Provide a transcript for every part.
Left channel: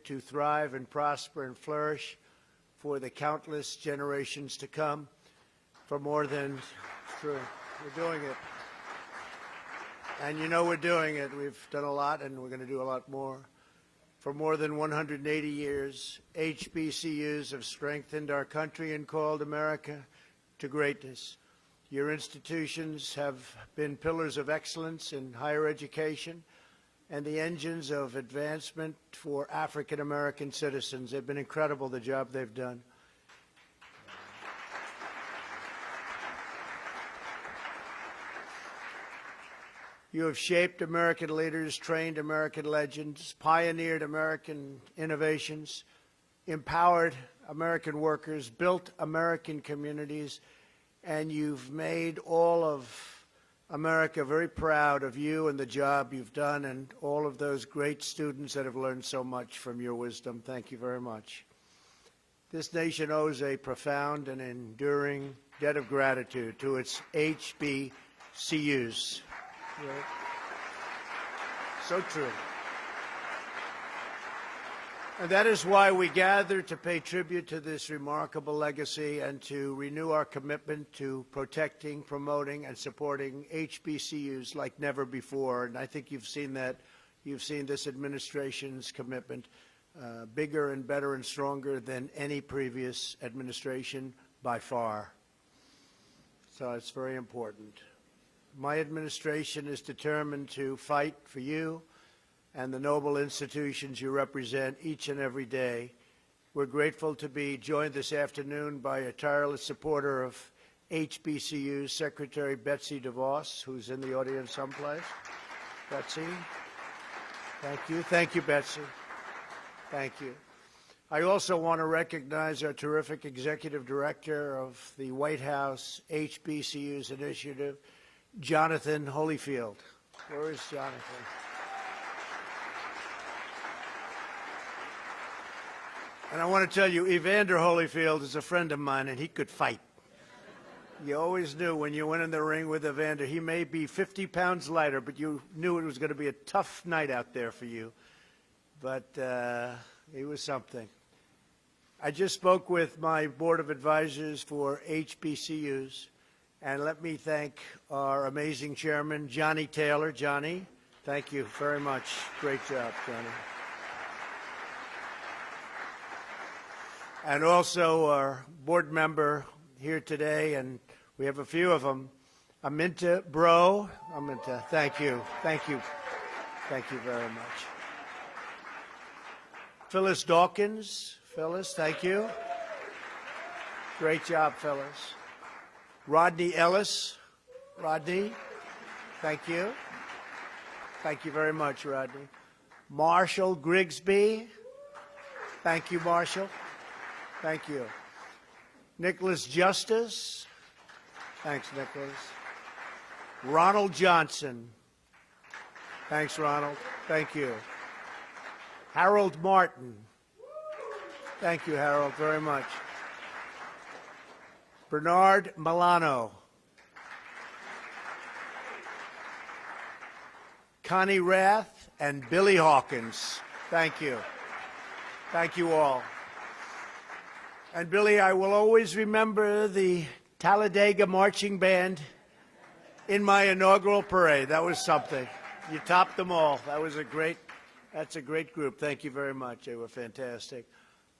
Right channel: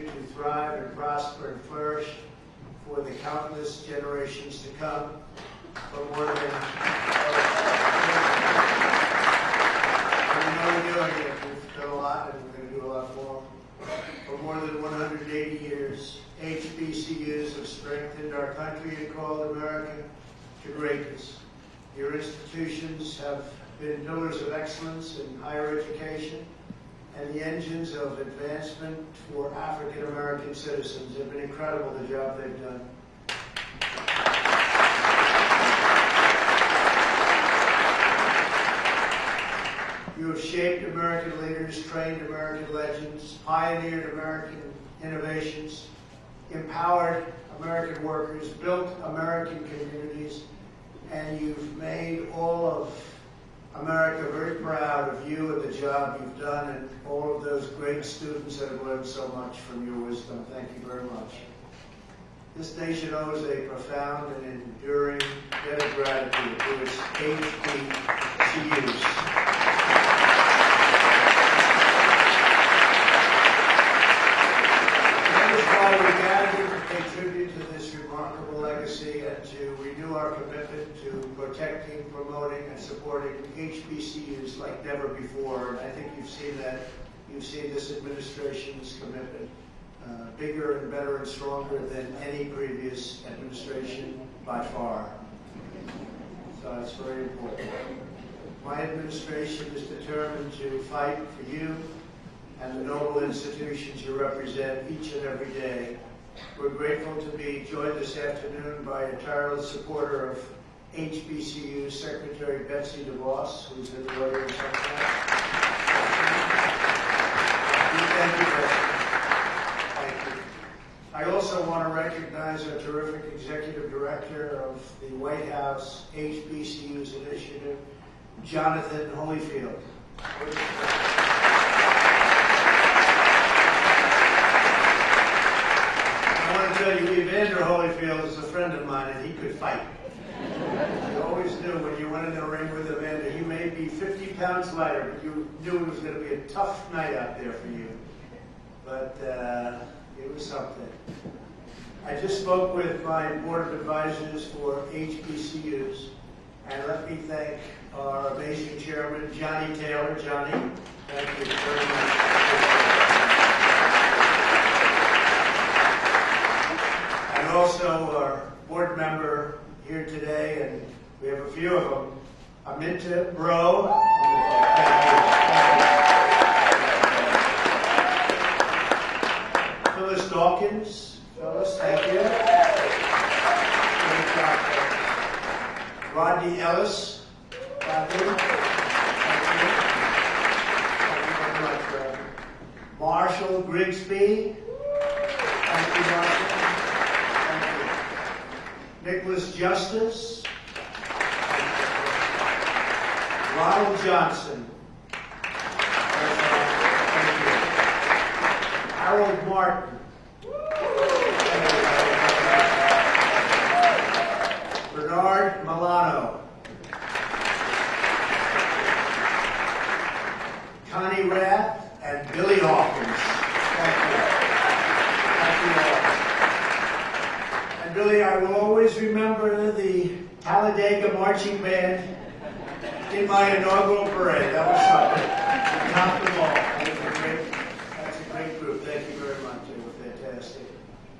continue to thrive and prosper and flourish for the countless generations to come. For more than, and we know we're doing it, we've done a lot and we're going to do a lot more. For more than 180 years, HBCUs have strengthened our country and called America to greatness. Your institutions have been pillars of excellence in higher education and the engines of advancement for African American citizens. They've been incredible, the job they've done. You have shaped American leaders, trained American legends, pioneered American innovations, empowered American workers, built American communities, and you've made all of America very proud of you and the job you've done and all of those great students that have learned so much from your wisdom. Thank you very much. This nation owes a profound and enduring debt of gratitude to its HBCUs. That is why we gather to pay tribute to this remarkable legacy and to renew our commitment to protecting, promoting, and supporting HBCUs like never before. And I think you've seen that. You've seen this administration's commitment, bigger and better and stronger than any previous administration by far. So it's very important. My administration is determined to fight for you and the noble institutions you represent each and every day. We're grateful to be joined this afternoon by a tireless supporter of HBCU, Secretary Betsy DeVos, who's in the audience sometime. Thank you, Betsy. Thank you. I also want to recognize our terrific Executive Director of the White House HBCUs Initiative, Jonathan Holyfield. I want to tell you, Evander Holyfield is a friend of mine, and he could fight. You always knew when you went in the ring with Evander, he may be 50 pounds lighter, but you knew it was going to be a tough night out there for you. But it was something. I just spoke with my board of advisors for HBCUs, and let me thank our amazing chairman, Johnny Taylor. Johnny, thank you very much. And also our board member here today, and we have a few of them, Aminta Bro. Aminta, thank you. Phyllis Dawkins. Phyllis, thank you. Great job, Phyllis. Rodney Ellis. Rodney, thank you. Thank you very much, Rod. Marshall Grigsby. Thank you, Marshall. Thank you. Nicholas Justice. Thank you. Ronald Johnson. Thanks, Ronald. Thank you. Harold Martin. Thank you, Harold. Bernard Milano. Connie Rath and Billy Hawkins. Thank you. Thank you all. And Billy, I will always remember the Talladega Marching Band in my inaugural parade. That was something. You topped them all. That's a great group. Thank you very much. They were fantastic.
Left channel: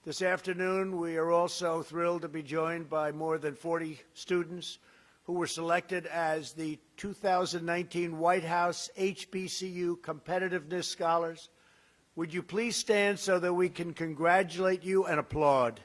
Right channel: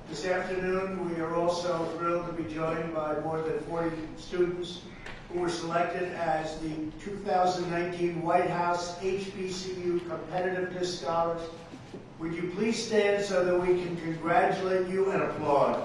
This afternoon, we are also thrilled to be joined by more than 40 students who were selected as the 2019 White House HBCU Competitiveness Scholars. Would you please stand so that we can congratulate you and applaud?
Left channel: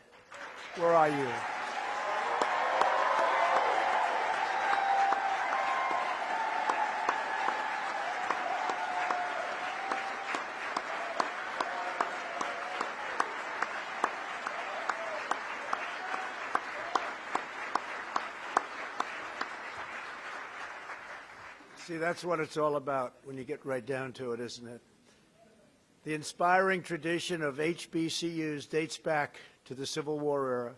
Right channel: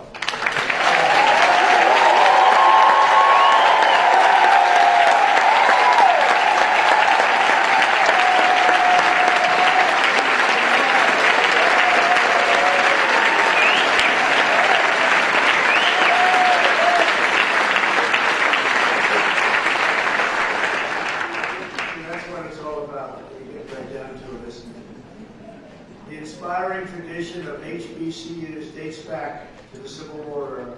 The inspiring tradition of HBCUs dates back to the Civil War era,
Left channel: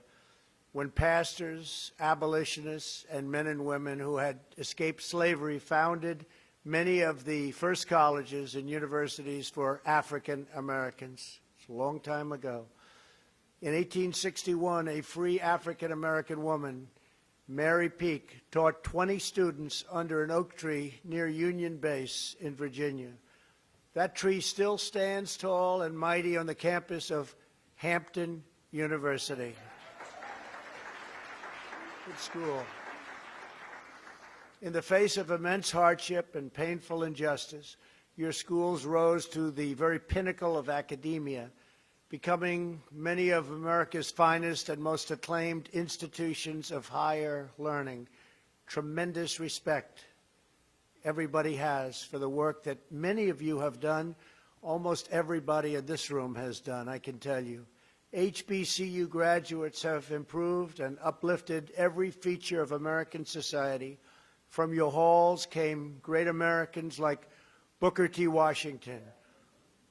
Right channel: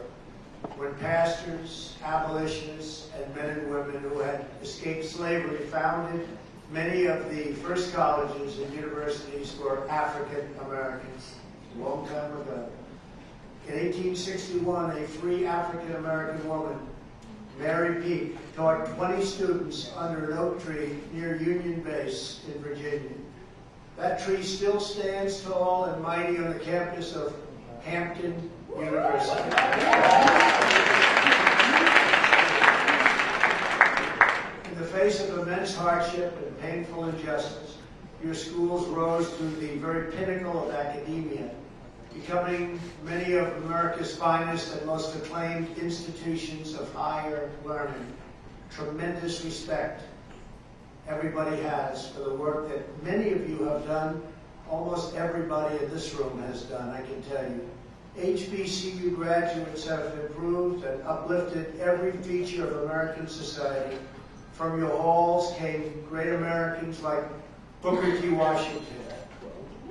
when pastors, abolitionists, and men and women who had escaped slavery founded many of the first colleges and universities for African Americans. a long time ago. In 1861, a free African-American woman, Mary Peak, taught 20 students under an oak tree near Union Base in Virginia. That tree still stands tall and mighty on the campus of Hampton University. In the face of immense hardship and painful injustice, your schools rose to the very pinnacle of academia, becoming many of America's finest and most acclaimed institutions of higher learning. Tremendous respect everybody has for the work that many of you have done, almost everybody in this room has done, I can tell you. HBCU graduates have improved and uplifted every feature of American society. From your halls came great Americans like Booker T. Washington,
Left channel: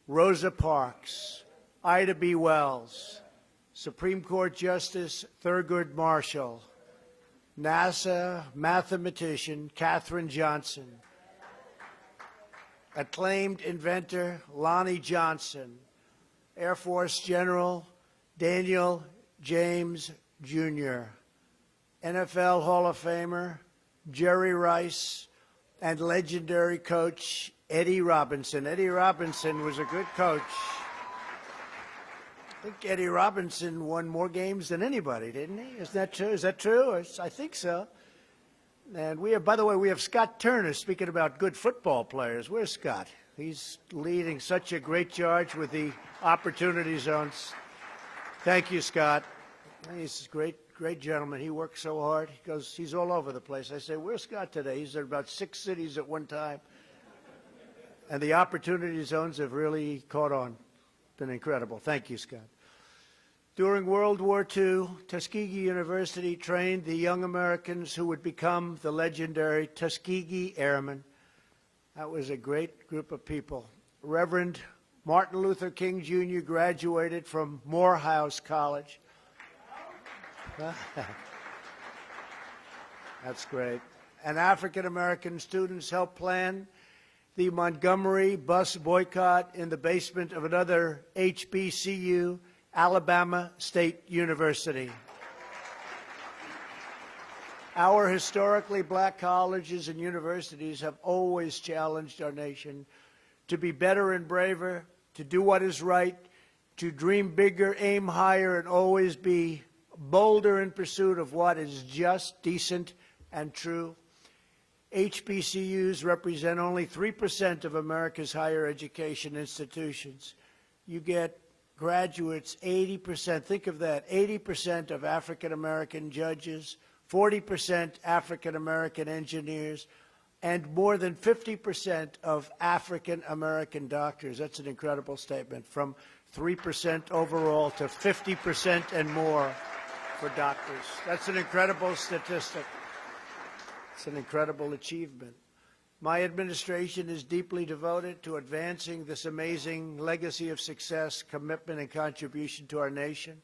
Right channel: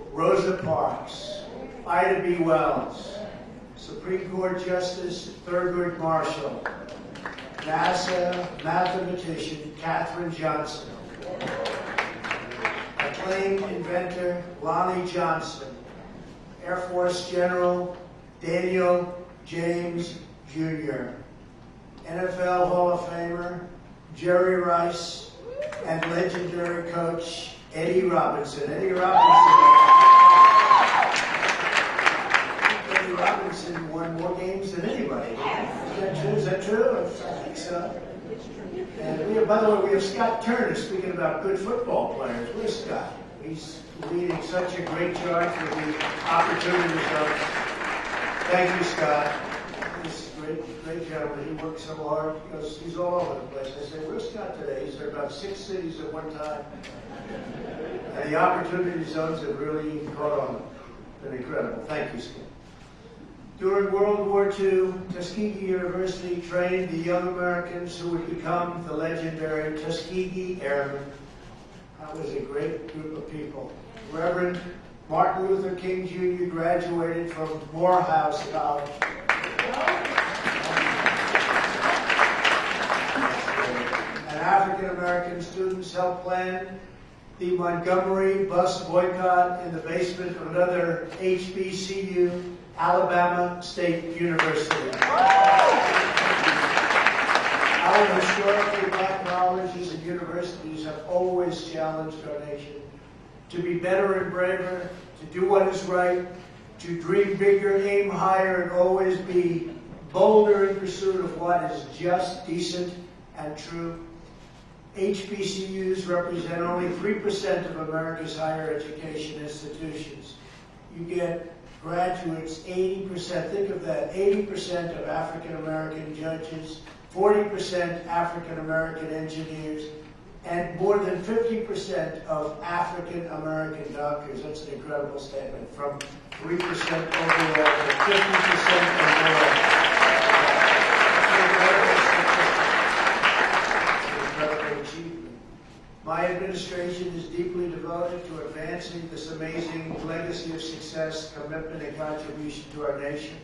Rosa Parks, Ida B. Wells, Supreme Court Justice Thurgood Marshall, NASA mathematician Katherine Johnson, acclaimed inventor Lonnie Johnson, Air Force General Daniel James Jr., NFL Hall of Famer Jerry Rice, and legendary coach Eddie Robinson. Eddie Robinson was a good coach. Eddie Robinson won more games than anybody. Is that true? Is that true? I think so. And we have, by the way, we have Scott Turner speaking about good football players. Where's Scott? He's leading such a great charge with the opportunity zones. Thank you, Scott. He's a great gentleman. He works so hard. He's all over the place. I said, where's Scott today? He's in about 6 cities at one time. And the opportunity zones have really caught on. Been incredible. Thank you, Scott. During World War II, Tuskegee University trained the young Americans who would become the legendary Tuskegee Airmen. That was a great group of people. Reverend Martin Luther King Jr. graduated from Morehouse College. That's great. And African-American students helped plan the Montgomery bus boycott in the basement of another HBCU, Alabama State University. Our historically black colleges and universities have always challenged our nation to be better and braver, to do what is right, to dream bigger, aim higher, and always be bolder in pursuit of what is just, decent, and true. HBCUs represent only 3% of America's higher education institutions. You get graduates, 80%, think of that, 80% of African-American judges, 40% African-American engineers, and more than 50% of African-American doctors. That's an incredible statement, from 3% overall to 50% and more. That's an incredible statistic. It's an incredible achievement. My administration is deeply devoted to advancing this amazing legacy of success, commitment, and contribution to our nation.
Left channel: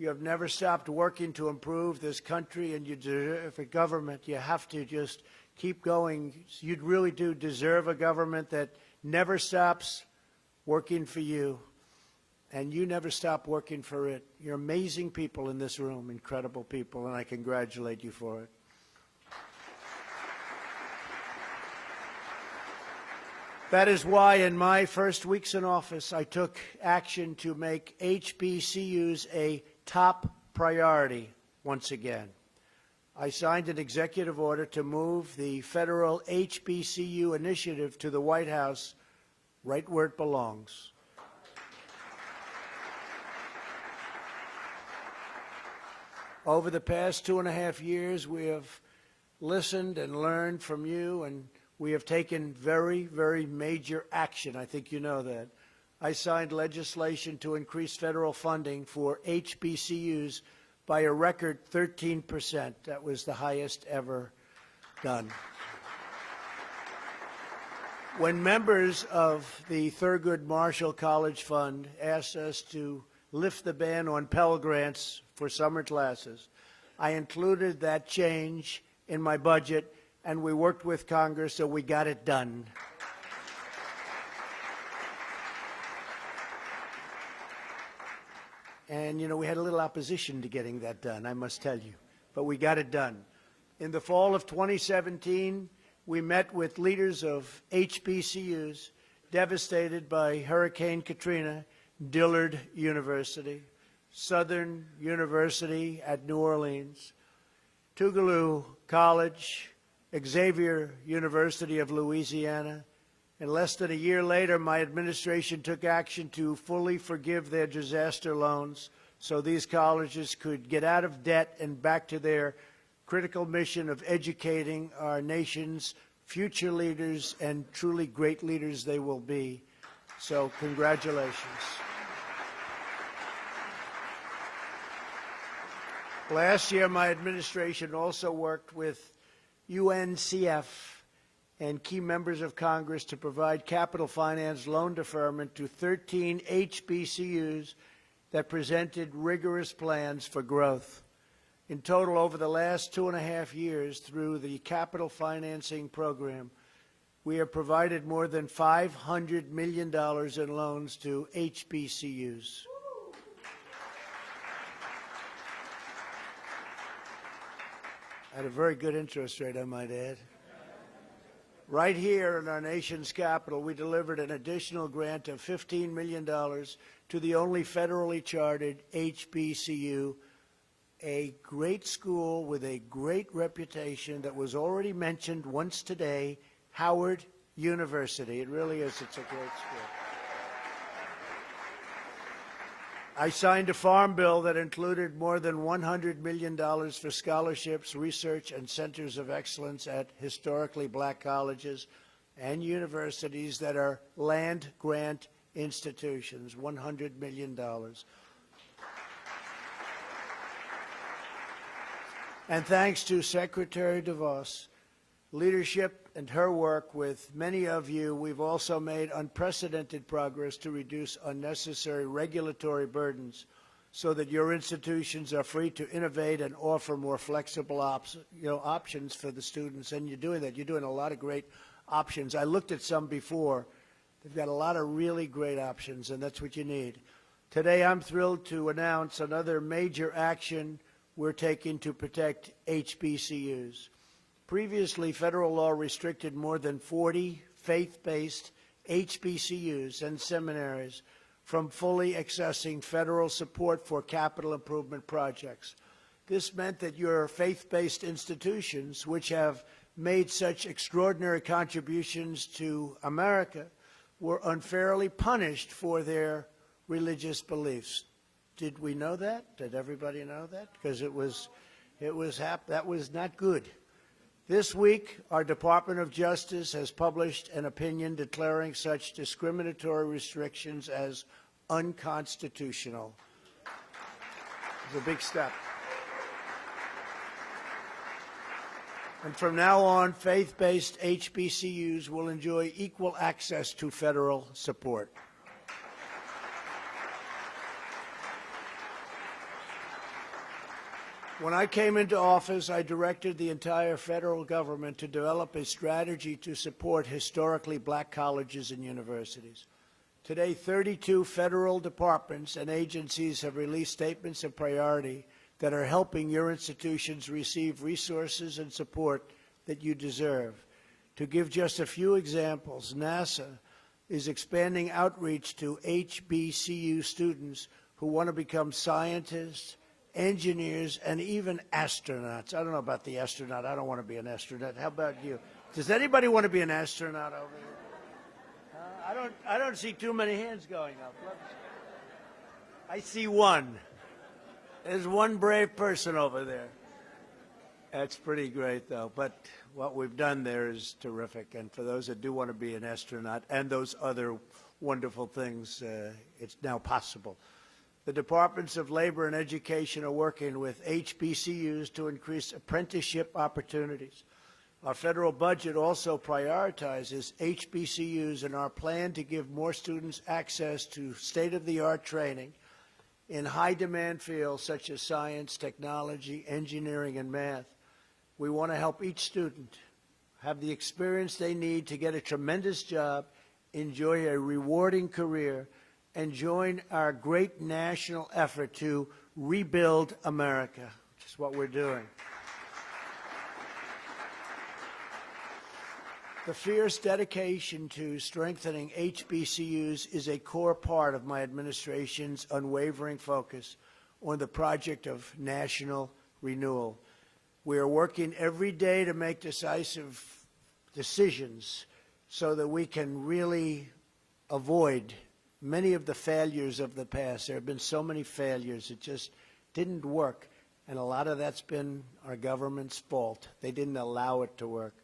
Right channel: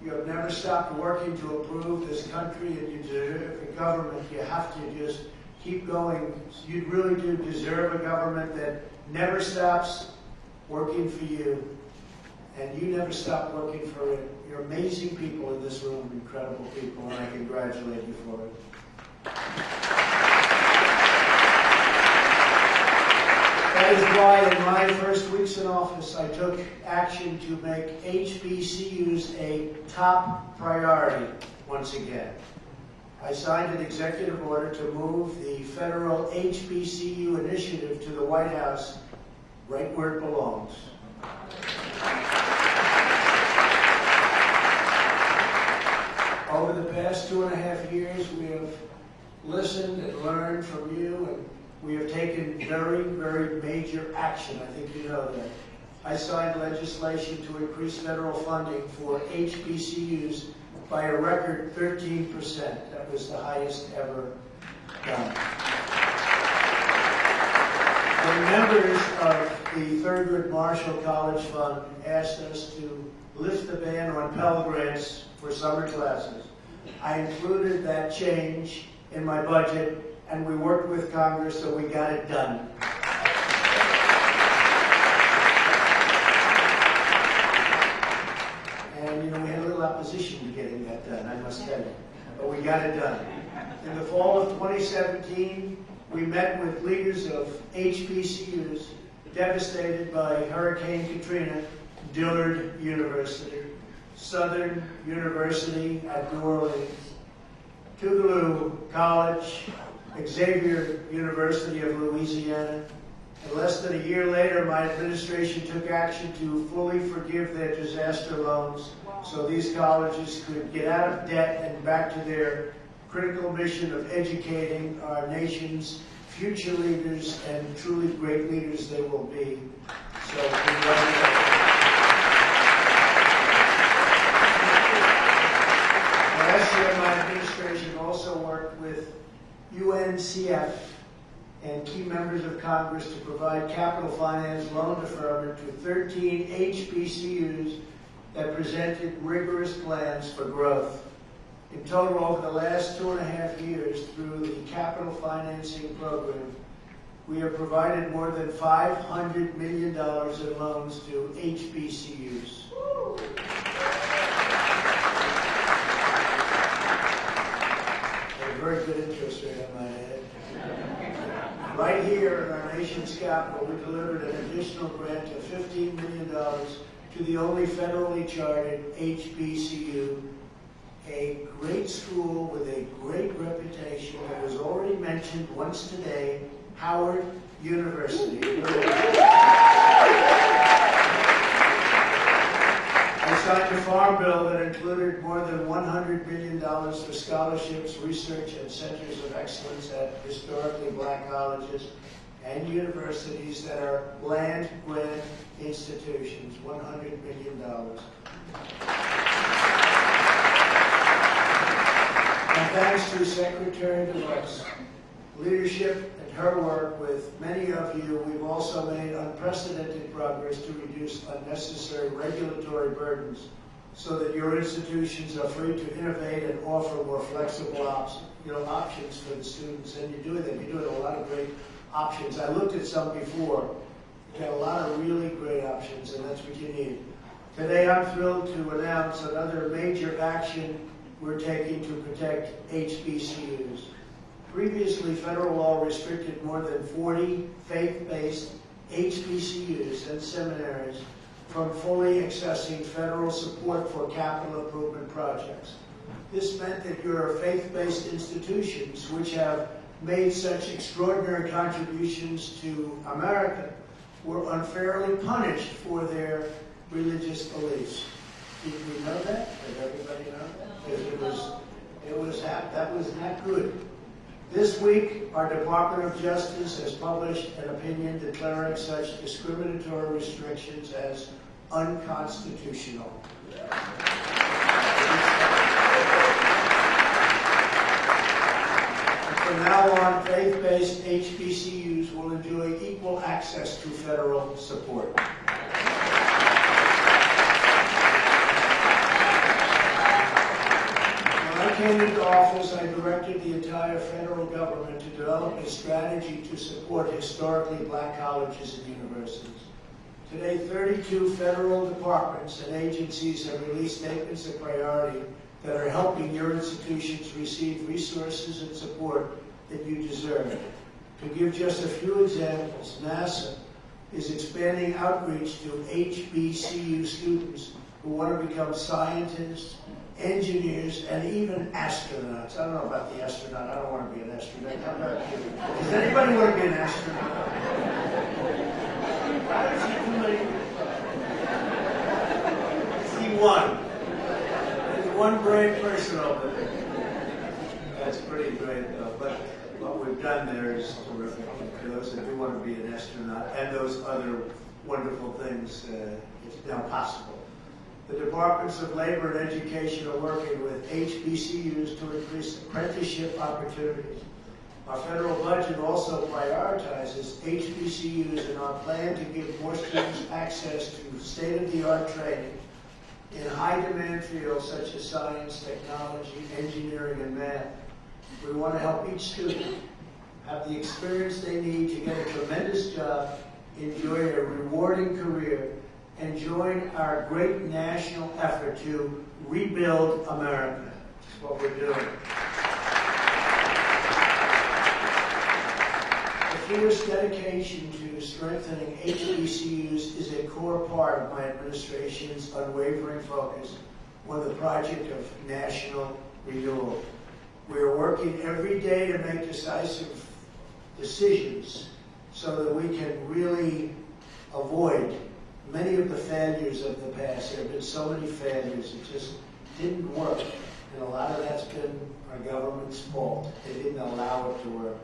You have never stopped working to improve this country, and you deserve a government. You have to just keep going. You really do deserve a government that never stops working for you, and you never stop working for it. You're amazing people in this room, incredible people, and I congratulate you for it. That is why in my first weeks in office, I took action to make HBCUs a top priority once again. I signed an executive order to move the federal HBCU initiative to the White House, right where it belongs. Over the past 2.5 years, we have listened and learned from you, and we have taken very, very major action. I think you know that. I signed legislation to increase federal funding for HBCUs by a record 13%. That was the highest ever done. When members of the Thurgood Marshall College Fund asked us to lift the ban on Pell Grants for summer classes, I included that change in my budget, and we worked with Congress and we got it done. done, I must tell you. But we got it done. In the fall of 2017, we met with leaders of HBCUs devastated by Hurricane Katrina, Dillard University, Southern University at New Orleans, Tougaloo College, Xavier University of Louisiana. And less than a year later, my administration took action to fully forgive their disaster loans so these colleges could get out of debt and back to their critical mission of educating our nation's future leaders, and truly great leaders they will be. So congratulations. Last year, my administration also worked with UNCF and key members of Congress to provide capital finance loan deferment to 13 HBCUs that presented rigorous plans for growth. In total, over the last 2.5 years, through the capital financing program, we have provided more than $500 million in loans to HBCUs. A very good interest rate, I might add. Right here in our nation's capital, we delivered an additional grant of $15 million to the only federally chartered HBCU, a great school with a great reputation that was already mentioned once today, Howard University. I signed a farm bill that included more than $100 million for scholarships, research, and centers of excellence at historically black colleges and universities that are land-grant institutions, $100 million. And thanks to Secretary DeVos' leadership and her work with many of you, we've also made unprecedented progress to reduce unnecessary regulatory burdens so that your institutions are free to innovate and offer more flexible options for the students. And you're doing that. You're doing a lot of great options. I looked at some before. You've got a lot of really great options, and that's what you need. Today, I'm thrilled to announce another major action we're taking to protect HBCUs. Previously, federal law restricted more than 40 faith-based HBCUs and seminaries from fully accessing federal support for capital improvement projects. This meant that your faith-based institutions, which have made such extraordinary contributions to America, were unfairly punished for their religious beliefs. Did we know that? Did everybody know that? Because that was not good. This week, our Department of Justice has published an opinion declaring such discriminatory restrictions as unconstitutional. And from now on, faith-based HBCUs will enjoy equal access to federal support. When I came into office, I directed the entire federal government to develop a strategy to support historically black colleges and universities. Today, 32 federal departments and agencies have released statements of priority that are helping your institutions receive resources and support that you deserve. To give just a few examples, NASA is expanding outreach to HBCU students who want to become scientists, engineers, and even astronauts. I don't know about the astronaut. I don't want to be an astronaut. How about you? Does anybody want to be an astronaut? I don't see too many. I see one. There's one brave person over there. That's pretty great, though. But what we've done there is terrific. And for those that do want to be an astronaut and those other wonderful things, it's now possible. The Departments of Labor and Education are working with HBCUs to increase apprenticeship opportunities. Our federal budget also prioritizes HBCUs in our plan to give more students access to state-of-the-art training in high-demand fields such as science, technology, engineering, and math. We want to help each student have the experience they need to get a tremendous job, enjoy a rewarding career, and join our great national effort to rebuild America. Which is what we're doing. The fierce dedication to strengthening HBCUs is a core part of my administration's unwavering focus on the project of national renewal. We are working every day to make decisive decisions so that we can really avoid many of the failures of the past. There have been so many failures, it just didn't work. And a lot of that's been our government's fault. They didn't allow it to work.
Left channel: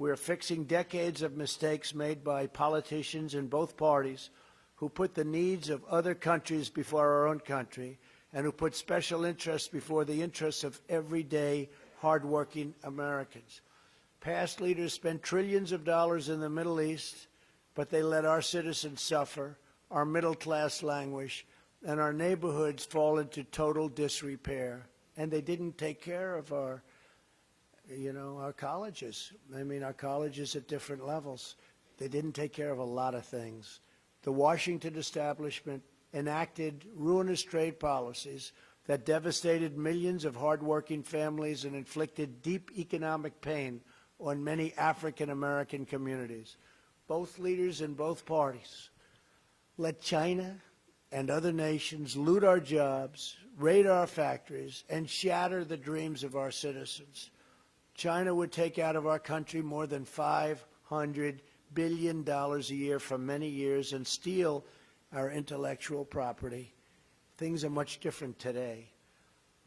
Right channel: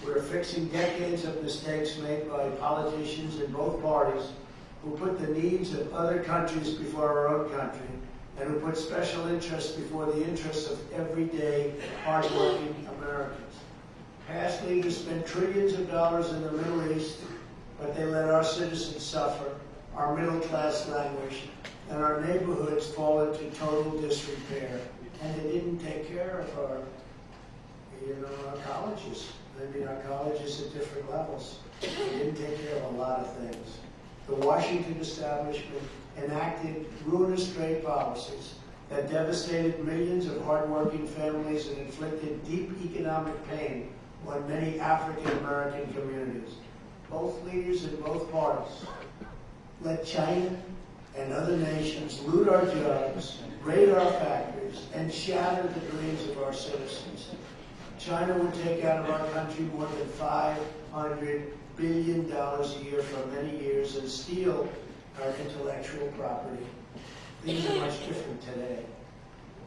We're fixing decades of mistakes made by politicians in both parties who put the needs of other countries before our own country and who put special interests before the interests of everyday, hardworking Americans. Past leaders spent trillions of dollars in the Middle East, but they let our citizens suffer, our middle class languish, and our neighborhoods fall into total disrepair. And they didn't take care of our colleges. I mean, our colleges at different levels. They didn't take care of a lot of things. The Washington establishment enacted ruinous trade policies that devastated millions of hardworking families and inflicted deep economic pain on many African American communities. Both leaders in both parties let China and other nations loot our jobs, raid our factories, and shatter the dreams of our citizens. China would take out of our country more than $500 billion a year for many years and steal our intellectual property. Things are much different today.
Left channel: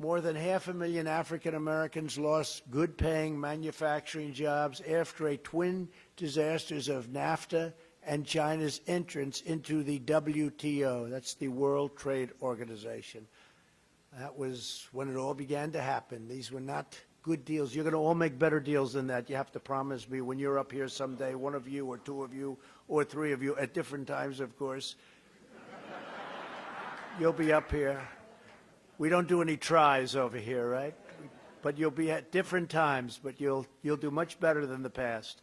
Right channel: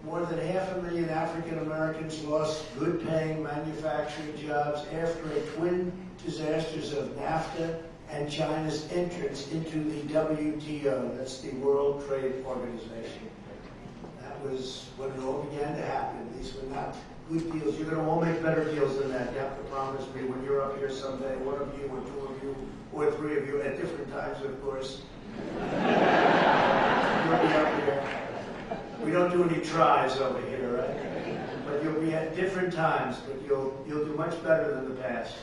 More than 500,000 African Americans lost good-paying manufacturing jobs after a twin disasters of NAFTA and China's entrance into the WTO, that's the World Trade Organization. That was when it all began to happen. These were not good deals. You're going to all make better deals than that. You have to promise me when you're up here someday, one of you or two of you or three of you at different times, of course. You'll be up here. We don't do any tries over here, right? But you'll be at different times, but you'll do much better than the past.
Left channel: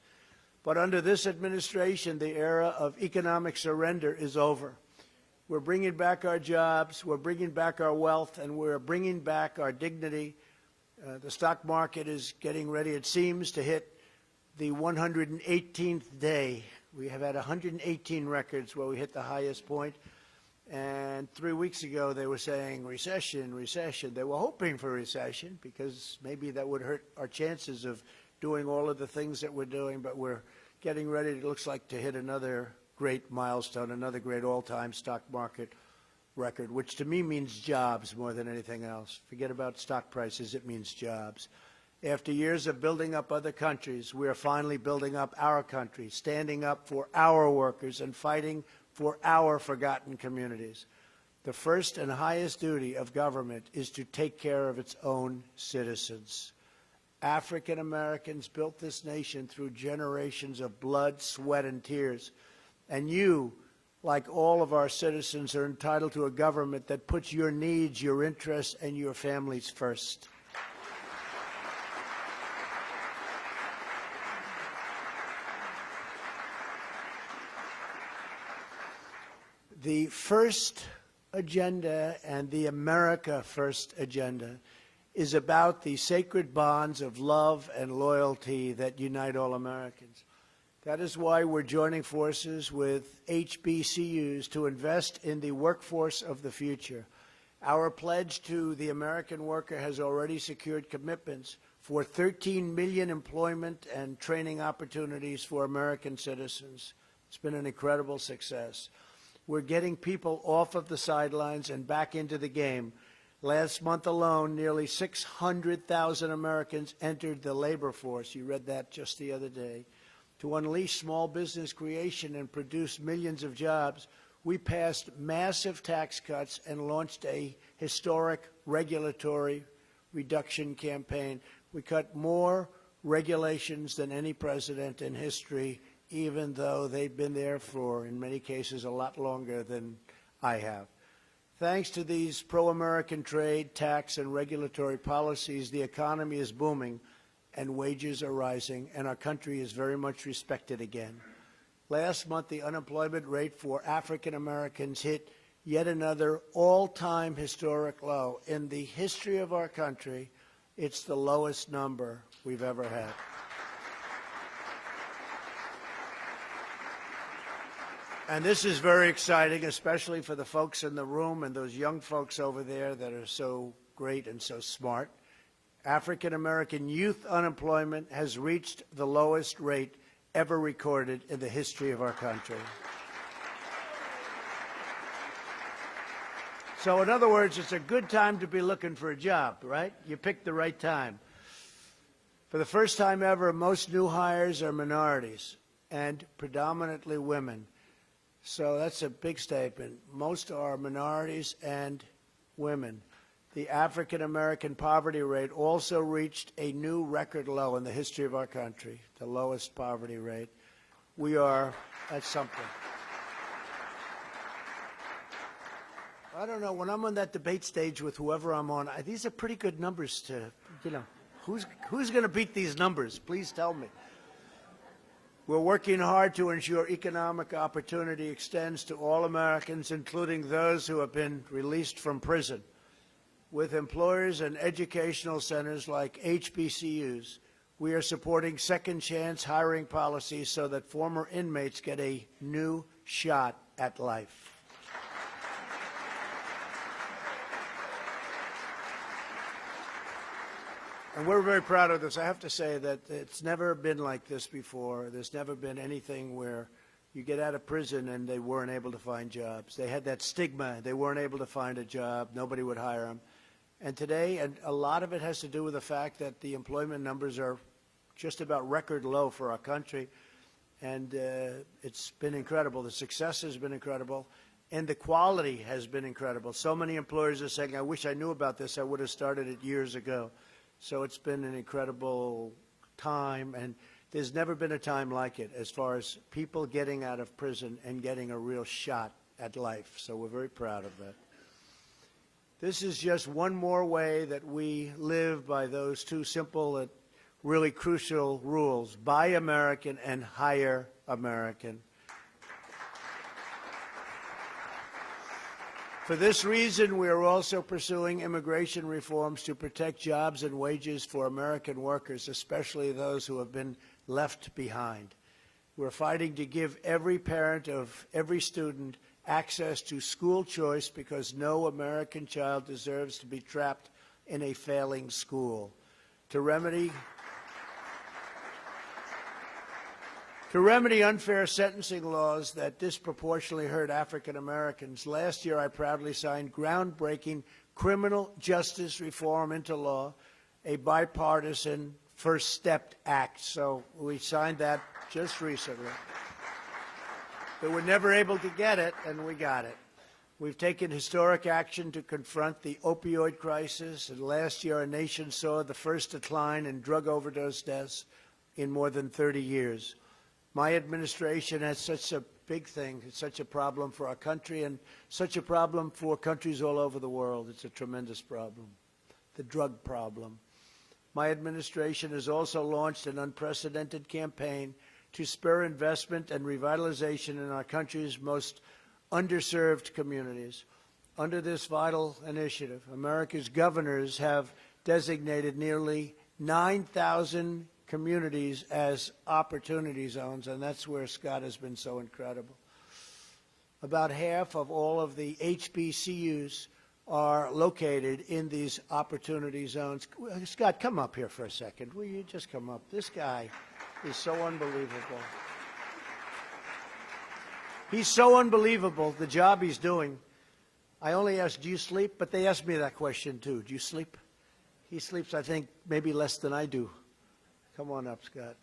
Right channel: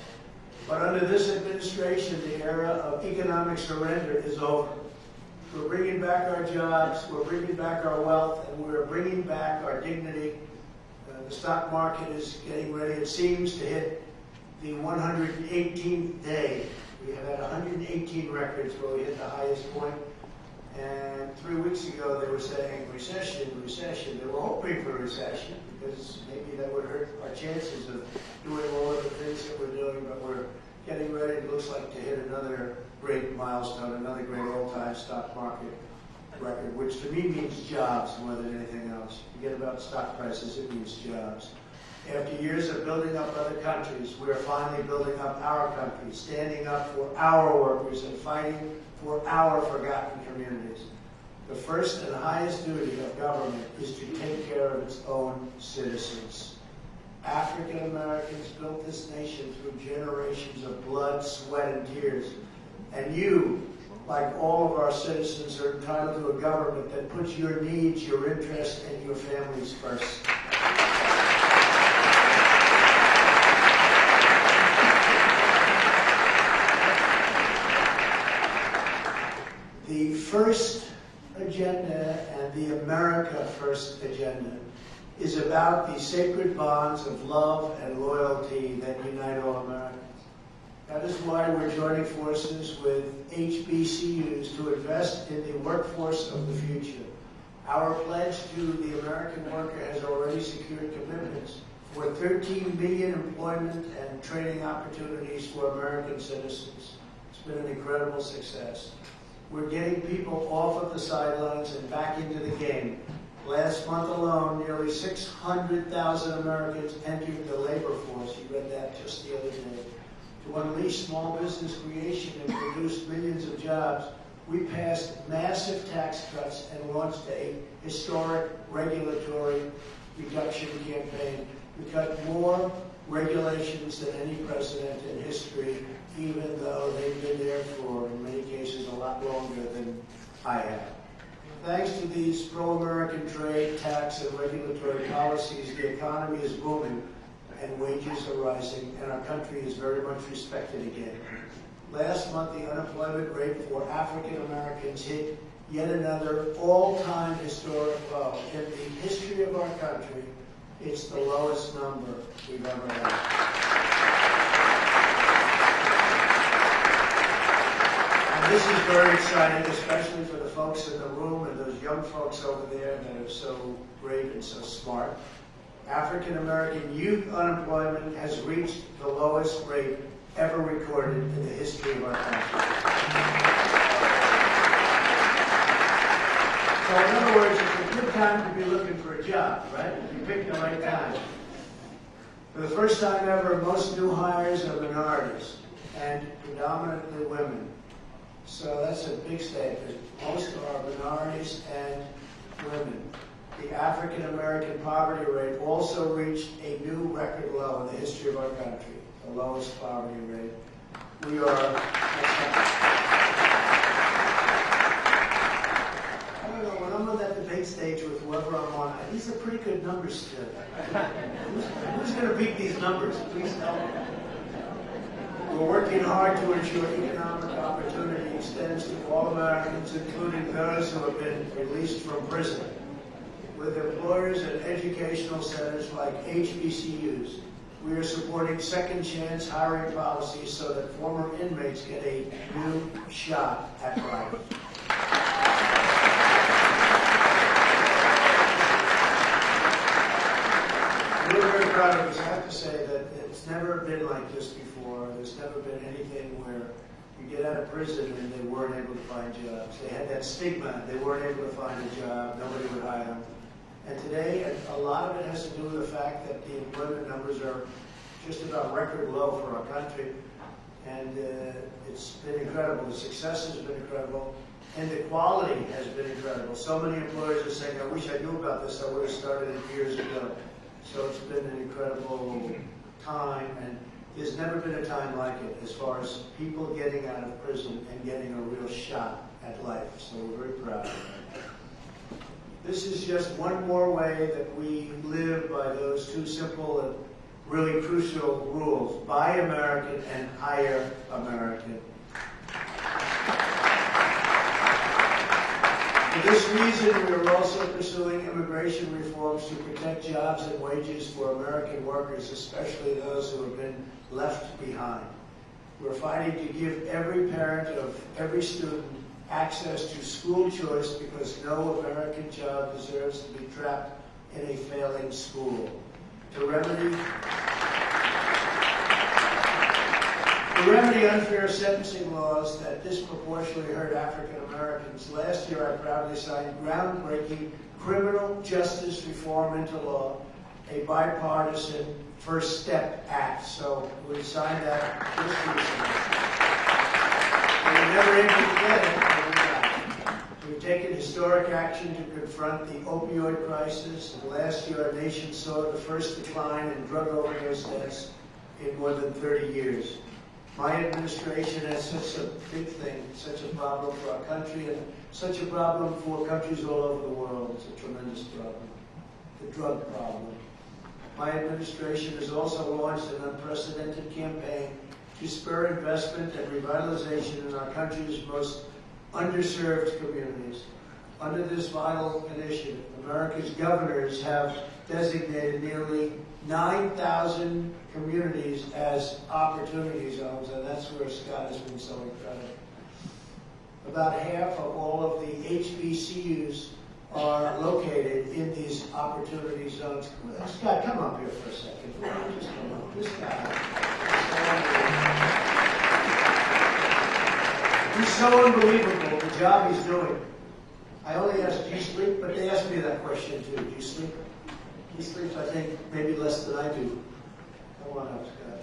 But under this administration, the era of economic surrender is over. We're bringing back our jobs, we're bringing back our wealth, and we're bringing back our dignity. The stock market is getting ready, it seems, to hit the 118th day. We have had 118 records where we hit the highest point. And 3 weeks ago, they were saying recession, recession. They were hoping for recession because maybe that would hurt our chances of doing all of the things that we're doing. But we're getting ready, it looks like, to hit another great milestone, another great all-time stock market record, which to me means jobs more than anything else. Forget about stock prices, it means jobs. After years of building up other countries, we are finally building up our country, standing up for our workers and fighting for our forgotten communities. The first and highest duty of government is to take care of its own citizens. African Americans built this nation through generations of blood, sweat, and tears. And you, like all of our citizens, are entitled to a government that puts your needs, your interests, and your families first. The first agenda and the America First agenda is about the sacred bonds of love and loyalty that unite all Americans. That is why we're joining forces with HBCUs to invest in the workforce of the future. Our pledge to the American worker has already secured commitments for 13 million employment and training opportunities for American citizens. It's been an incredible success. We're getting people off of the sidelines and back into the game. Last month alone, nearly 600,000 Americans entered the labor force. You read that just the other day. To unleash small business creation and produce millions of jobs, we passed massive tax cuts and launched a historic regulatory reduction campaign. We cut more regulations than any president in history, even though they've been there for, in many cases, a lot longer than I have. Thanks to these pro-American trade, tax, and regulatory policies, the economy is booming and wages are rising, and our country is very much respected again. Last month, the unemployment rate for African Americans hit yet another all-time historic low. In the history of our country, it's the lowest number we've ever had. And this is very exciting, especially for the folks in the room and those young folks over there that are so great and so smart. African American youth unemployment has reached the lowest rate ever recorded in the history of our country. So in other words, it's a good time to be looking for a job, right? You picked the right time. For the first time ever, most new hires are minorities and predominantly women. So that's a big statement. Most are minorities and women. The African American poverty rate also reached a new record low in the history of our country, the lowest poverty rate. We are at something. I don't know, when I'm on that debate stage with whoever I'm on, these are pretty good numbers to, who's going to beat these numbers? Please tell me. We're working hard to ensure economic opportunity extends to all Americans, including those who have been released from prison. With employers and educational centers like HBCUs, we are supporting second chance hiring policies so that former inmates get a new shot at life. We're very proud of this. I have to say that it's never been like this before. There's never been anything where you get out of prison and they weren't able to find jobs. They had that stigma. They weren't able to find a job. Nobody would hire them. And today, a lot of it has to do with the fact that the employment numbers are just about record low for our country. And it's been incredible. The success has been incredible. And the quality has been incredible. So many employers are saying, I wish I knew about this. I would have started it years ago. So it's been an incredible time, and there's never been a time like it as far as people getting out of prison and getting a real shot at life. So we're very proud of that. This is just one more way that we live by those two simple and really crucial rules: buy American and hire American. For this reason, we are also pursuing immigration reforms to protect jobs and wages for American workers, especially those who have been left behind. We're fighting to give every parent of every student access to school choice because no American child deserves to be trapped in a failing school. To remedy unfair sentencing laws that disproportionately hurt African Americans, last year I proudly signed groundbreaking Criminal Justice Reform into law, a bipartisan First Step Act. So we signed that just recently. We were never able to get it, and we got it. We've taken historic action to confront the opioid crisis, and last year our nation saw the first decline in drug overdose deaths in more than 30 years. My administration has such a big thing, such a problem for our country, and such a problem for countries all over the world. It's a tremendous problem, the drug problem. My administration has also launched an unprecedented campaign to spur investment and revitalization in our country's most underserved communities. Under this vital initiative, America's governors have designated nearly 9,000 communities as opportunity zones, and that's where Scott has been so incredible. About half of all of the HBCUs are located in these opportunity zones. Scott, come up here for a second. Just come up. This guy is so unbelievable. He's so unbelievable, the job he's doing. I only asked, do you sleep? But they asked me that question too. Do you sleep? He sleeps, I think, maybe less than I do. Come on up, Scott.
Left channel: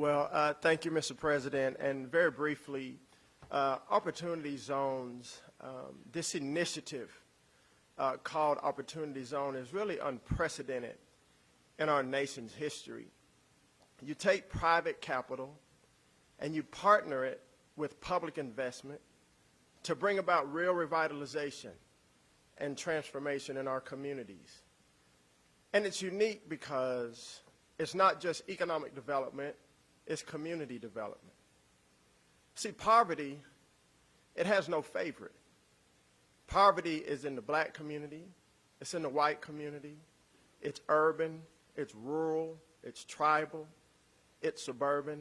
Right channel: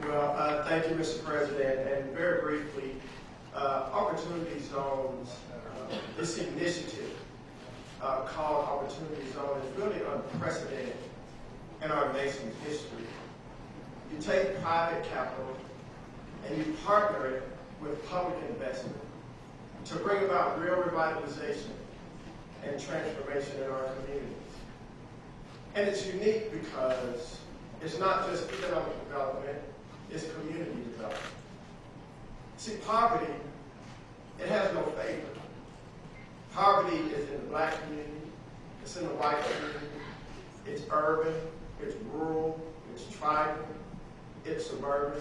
Well, thank you, Mr. President. And very briefly, Opportunity Zones, this initiative called Opportunity Zone is really unprecedented in our nation's history. You take private capital and you partner it with public investment. to bring about real revitalization and transformation in our communities. And it's unique because it's not just economic development, it's community development. See, poverty, it has no favor. Poverty is in the black community, it's in the white community, it's urban, it's rural, it's tribal, it's suburban.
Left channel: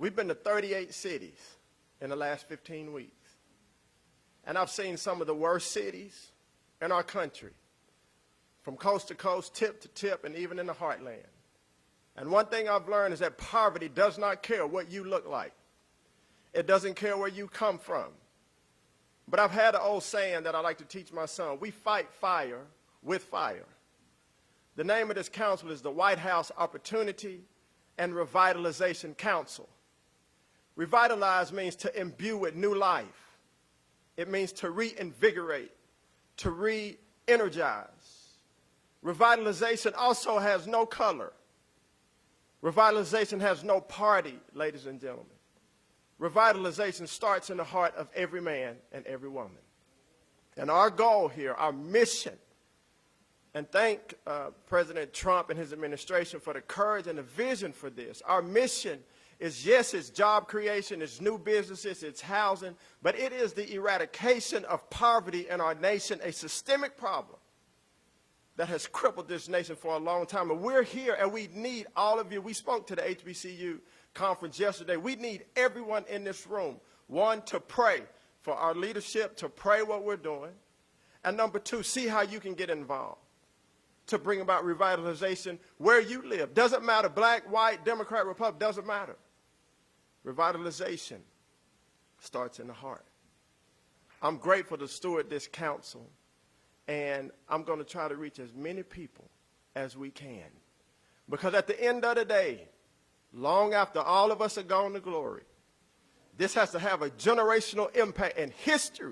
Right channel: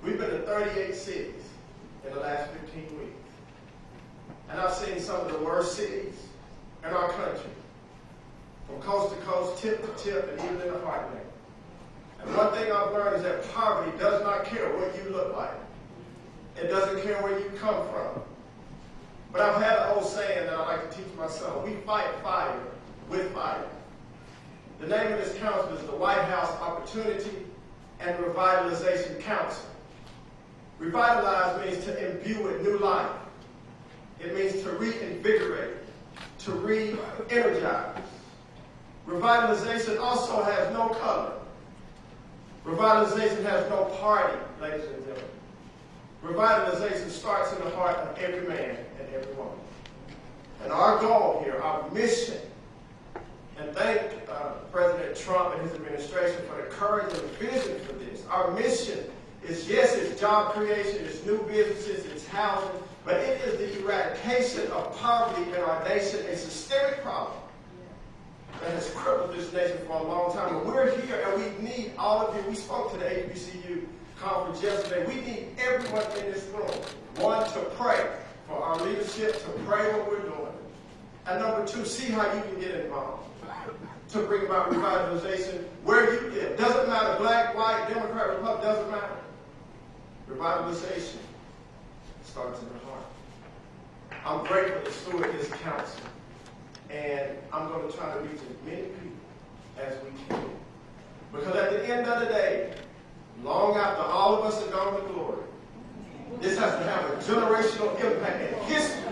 We've been to 38 cities in the last 15 weeks. And I've seen some of the worst cities in our country, from coast to coast, tip to tip, and even in the heartland. And one thing I've learned is that poverty does not care what you look like. It doesn't care where you come from. But I've had an old saying that I like to teach my son: we fight fire with fire. The name of this council is the White House Opportunity and Revitalization Council. Revitalize means to imbue with new life. It means to reinvigorate, to re-energize. Revitalization also has no color. Revitalization has no party, ladies and gentlemen. Revitalization starts in the heart of every man and every woman. And our goal here, our mission, and thank President Trump and his administration for the courage and the vision for this. Our mission is, yes, it's job creation, it's new businesses, it's housing, but it is the eradication of poverty in our nation, a systemic problem that has crippled this nation for a long time. But we're here and we need all of you. We spoke to the HBCU conference yesterday. We need everyone in this room, one, to pray for our leadership, to pray what we're doing. And number two, see how you can get involved to bring about revitalization where you live. Doesn't matter, black, white, Democrat, Republican, doesn't matter. Revitalization starts in the heart. I'm grateful to steward this council, and I'm going to try to reach as many people as we can. Because at the end of the day, long after all of us are gone to glory, this has to have a generational impact, and history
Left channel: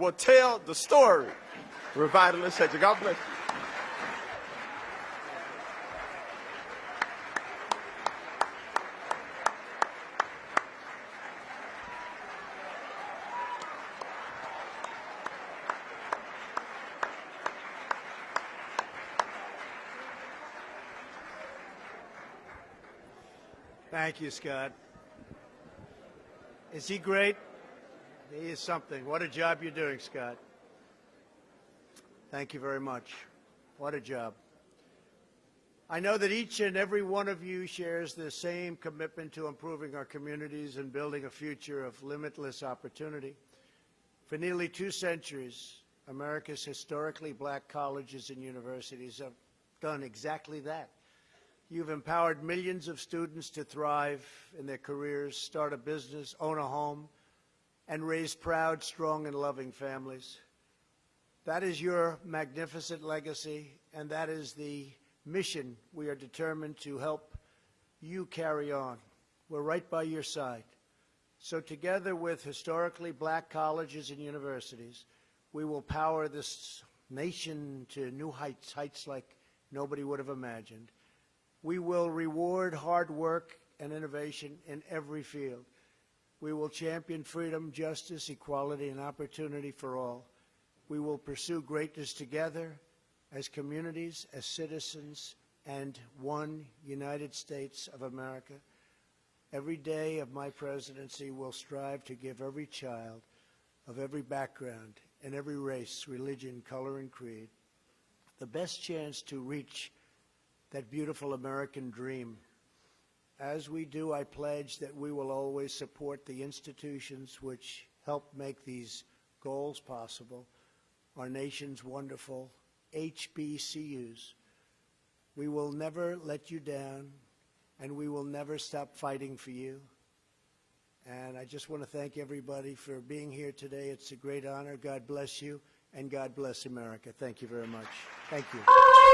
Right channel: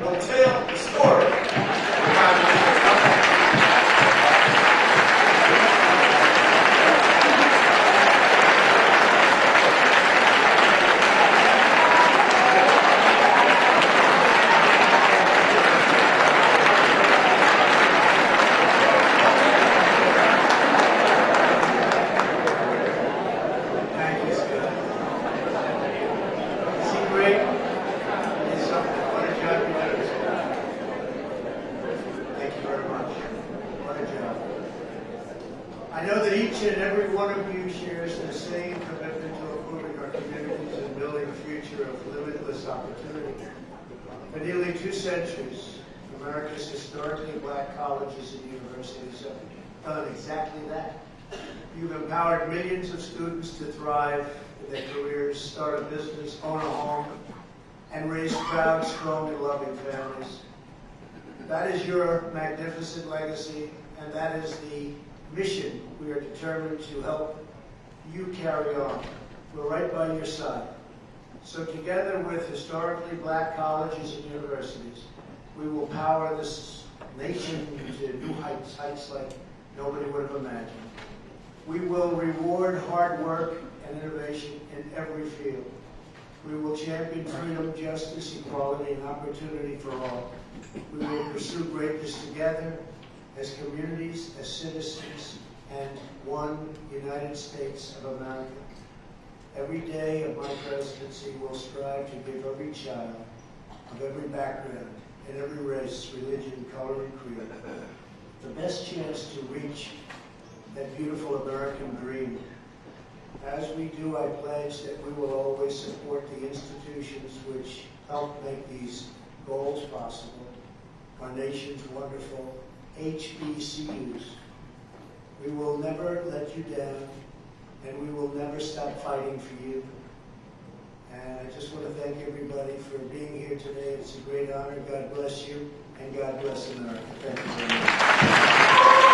will tell the story of revitalization. I know that each and every one of you shares the same commitment to improving our communities and building a future of limitless opportunity. For nearly 2 centuries, America's historically black colleges and universities have done exactly that. You've empowered millions of students to thrive in their careers, start a business, own a home, and raise proud, strong, and loving families. That is your magnificent legacy, and that is the mission we are determined to help you carry on. We're right by your side. So together with historically black colleges and universities, we will power this nation to new heights, heights like nobody would have imagined. We will reward hard work and innovation in every field. We will champion freedom, justice, equality, and opportunity for all. We will pursue greatness together as communities, as citizens, and one United States of America. Every day of my presidency will strive to give every child of every background and every race, religion, color, and creed the best chance to reach that beautiful American dream. As we do, I pledge that we will always support the institutions which help make these goals possible. Our nation's wonderful HBCUs. We will never let you down, and we will never stop fighting for you. And I just want to thank everybody for being here today. It's a great honor. God bless you, and God bless America. Thank you very much.